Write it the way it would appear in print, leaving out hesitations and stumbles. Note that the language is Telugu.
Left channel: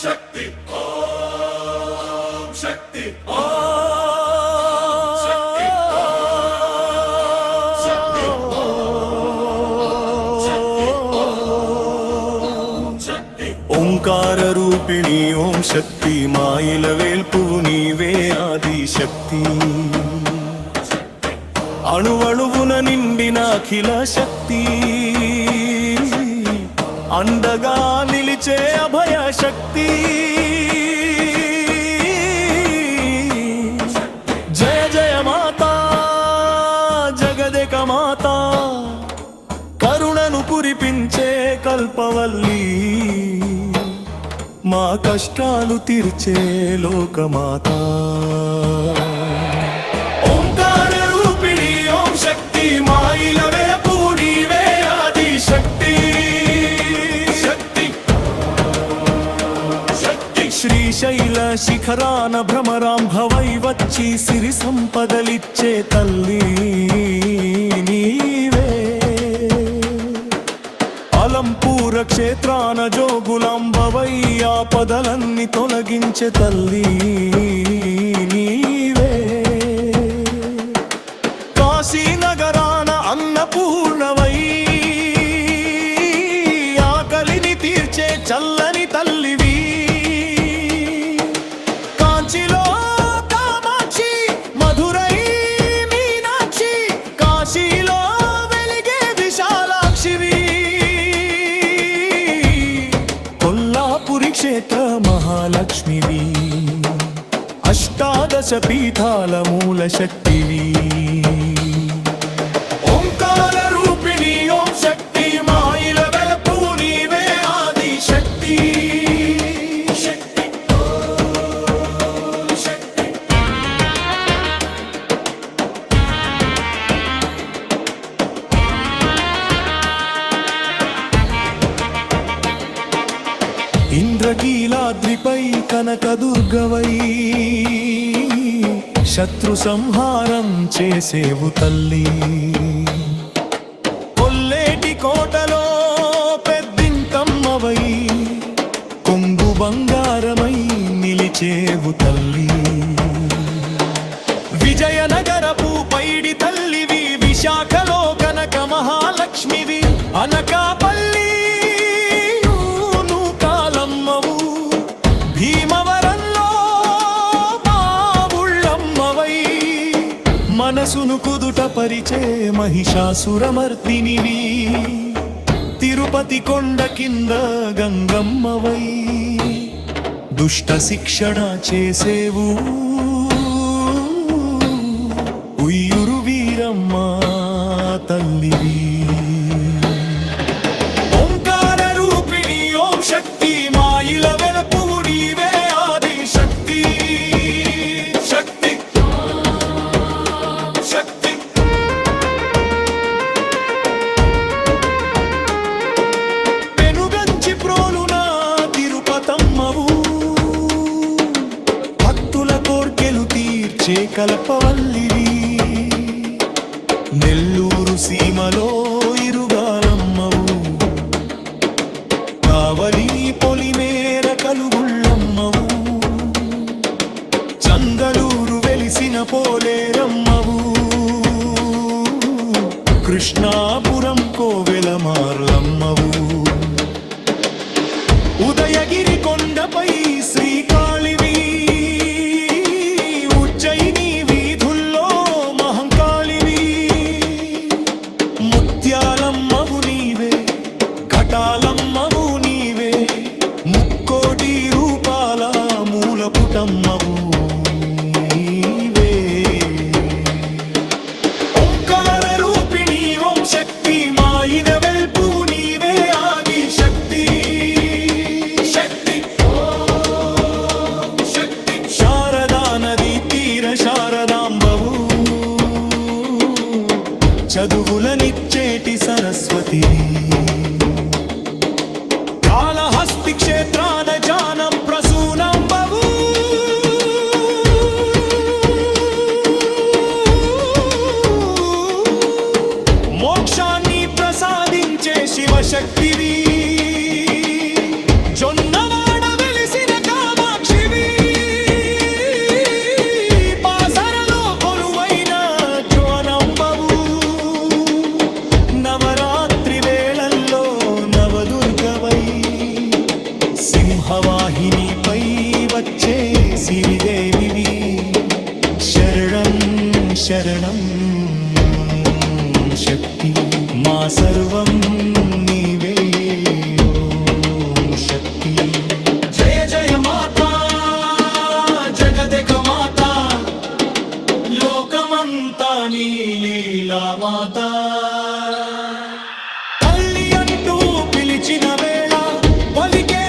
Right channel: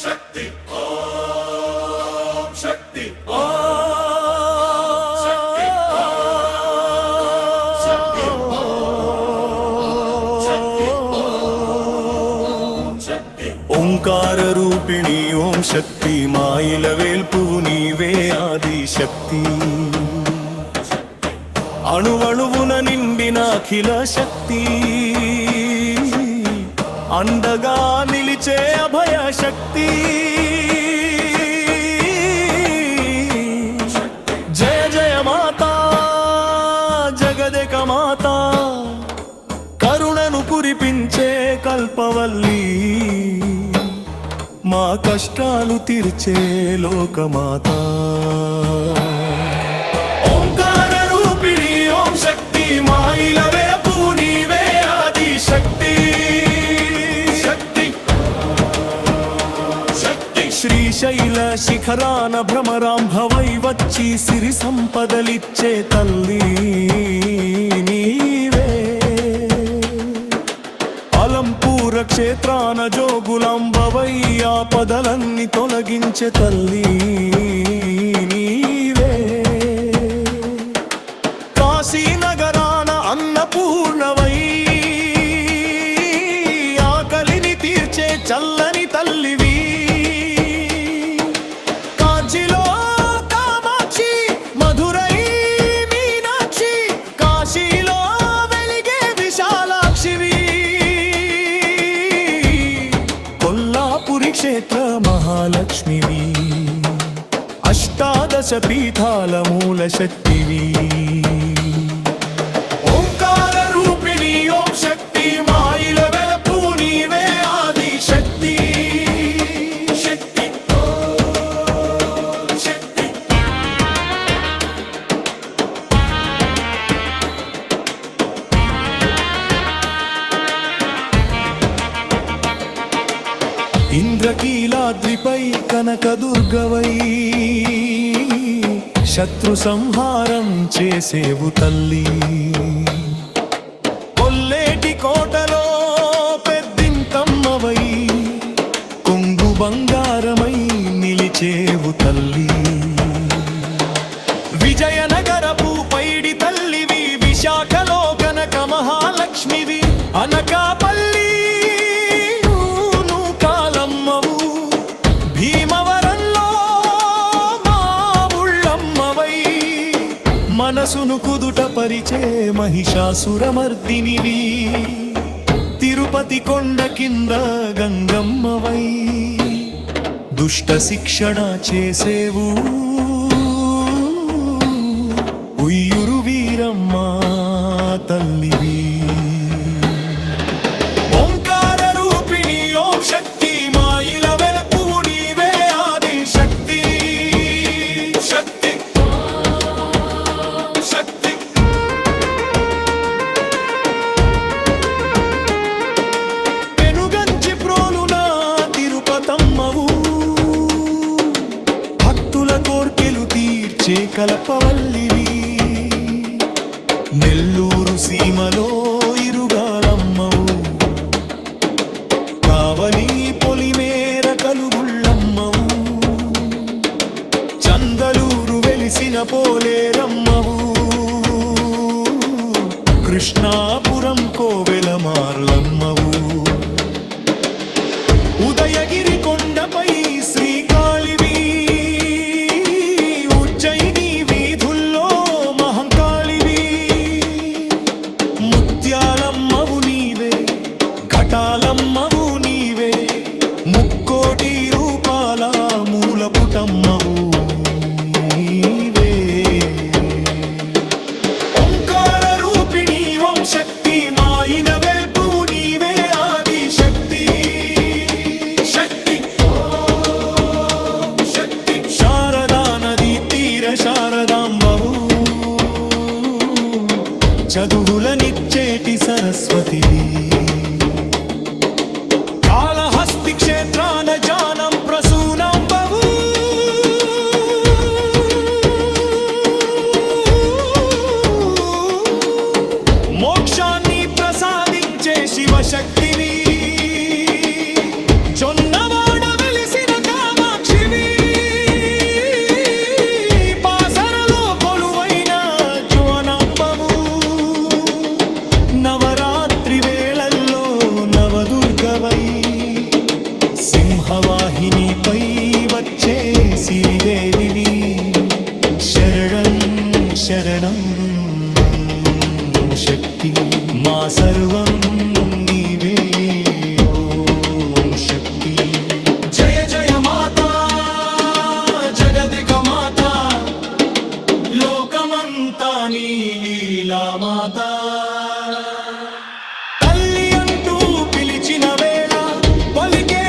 శక్తి ఓం శక్తి ఓంకార రూపిణి ఓం శక్తి మాయిల వేల్పు నీవే ఆది శక్తి అణువణువున నిండిన అఖిల శక్తి అండగా నిలిచే అభయ శక్తి జయ జయ మాతా జగదేక మాతా కరుణను కురిపించే కల్పవల్లి మా కష్టాలు తీర్చే లోకమాత ఓంకార రూపిణి ఓం శక్తి మాయిల వేపు నీవే ఆది శక్తి శక్తి శక్తి శ్రీశైల శిఖరాన భ్రమరాంభవై వచ్చి సిరి సంపదలిచ్చే తల్లి నీవే అలంపూర క్షేత్రాన జోగులాంబవై ఆపదలన్నీ తొలగించే తల్లి నీవే కాశీనగరాన అన్నపూర్ణవై ఆకలిని తీర్చే చల్లని తల్లివి కాంచిలో కామాక్షి మధురై మీనాక్షి కాశీలో వెలిగే విశాలాక్షివి కొల్లాపురి క్షేత్ర మహాలక్ష్మివి అష్టాదశ పీఠాల మూల శక్తివి ఓంకార రూపిణి ఓం శక్తి మాయిల వెలపు నీవే ఆది శక్తి శక్తి ఓం శక్తి ఇంద్రకీలాద్రిపై కనకదుర్గవై శత్రు సంహారం చేసేవు తల్లి కొల్లేటి కోటలో పెద్దింతమ్మవై కొంగు బంగారమై నిలిచేవు తల్లి విజయనగరపు పైడి తల్లివి విశాఖలో కనక మహాలక్ష్మివి అనకాపల్లి కాలమ్మవు భీమవరంలో మా ఉళ్ళమ్మవై మనసును కుదుట పరిచే మహిషాసురమర్దినివి తిరుపతి కొండ కింద గంగమ్మవై దుష్ట శిక్షణ చేసేవు ఉయ్యూరు వీరమ్మ తల్లివి ఓంకార రూపిణి ఓం శక్తి మాయిల వెలపు నీవే ఆది శక్తి శక్తి శక్తి పెనుగంచి ప్రోలున తిరుపతమ్మవు భక్తుల కోర్కెలు తీర్చే కల్పవల్లివి నెల్లూరు సీమలో ఇరుగాలమ్మవు కావలి పొలిమేర కలుగుళ్ళమ్మవు చందలూరు వెలిసిన పోలేరమ్మవు కృష్ణాపురం కోవెల మార్లమ్మవు ఉదయగిరి కొండపై శ్రీకాళివి ఉజ్జయిని వీధుల్లో మహంకాళివి ముత్యాలమ్మవు నీవే ఘటాలమ్మవు నీవే ముక్కోటి రూపాల మూలపుటమ్మవు నీవే ఓంకార రూపిణి ఓం శక్తి మాయిన వెల్పు నీవే ఆది శక్తి శక్తి ఓం శక్తి శారదా నది తీర శారదాంబవు చదువులనిచ్చేటి సరస్వతివి కాళహస్తి క్షేత్రాన జానం ప్రసూనంబవు మోక్షాన్ని ప్రసాదించే శివశక్తివి జొన్నవాడ వెలిసిన సింహవాహినిపై వచ్చే సిరిదేవివి శరణం శరణం శక్తి మా సర్వం నీవే ఓం శక్తి జయ జయ మాతా జగదేక మాతా లోకమంతా నీ లీలా మాతా తల్లి అంటూ పిలిచిన వేళ పలికే